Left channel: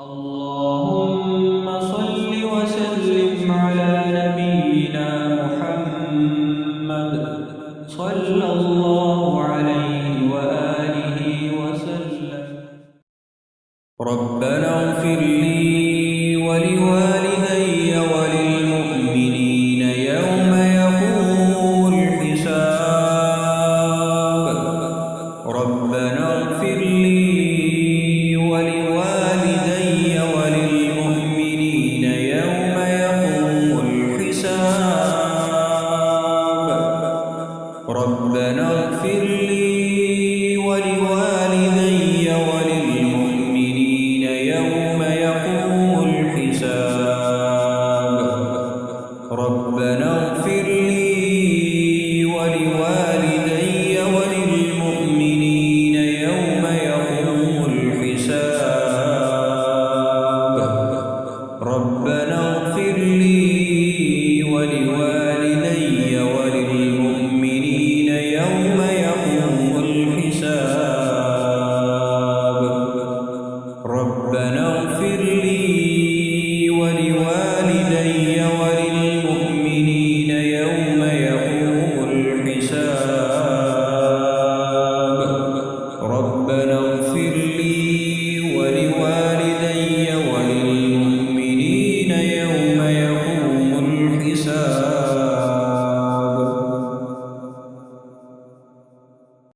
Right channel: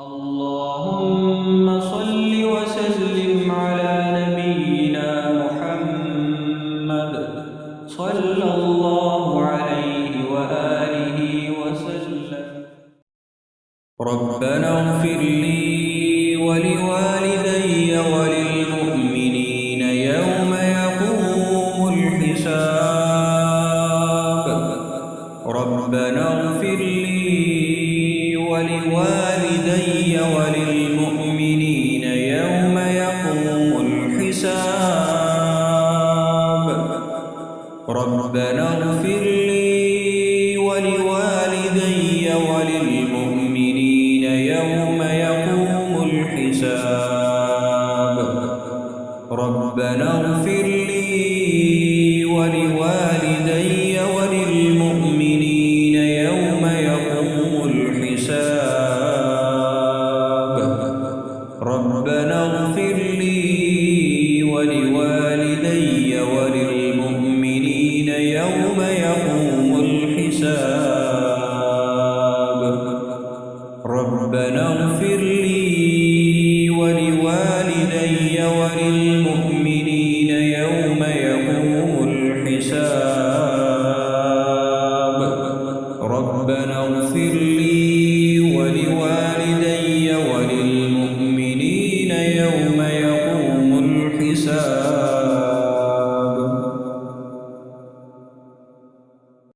اللهم صل وسلم على نبينا محمد صلى الله عليه وآله وسلم. ربنا اغفر لي ولوالدي وللمؤمنين يوم يقوم الحساب. ربنا اغفر لي ولوالدي وللمؤمنين يوم يقوم الحساب. ربنا اغفر لي ولوالدي وللمؤمنين يوم يقوم الحساب. ربنا اغفر لي ولوالدي وللمؤمنين يوم يقوم الحساب. ربنا اغفر لي ولوالدي وللمؤمنين يوم يقوم الحساب. ربنا اغفر لي ولوالدي وللمؤمنين يوم يقوم الحساب. ربنا اغفر لي ولوالدي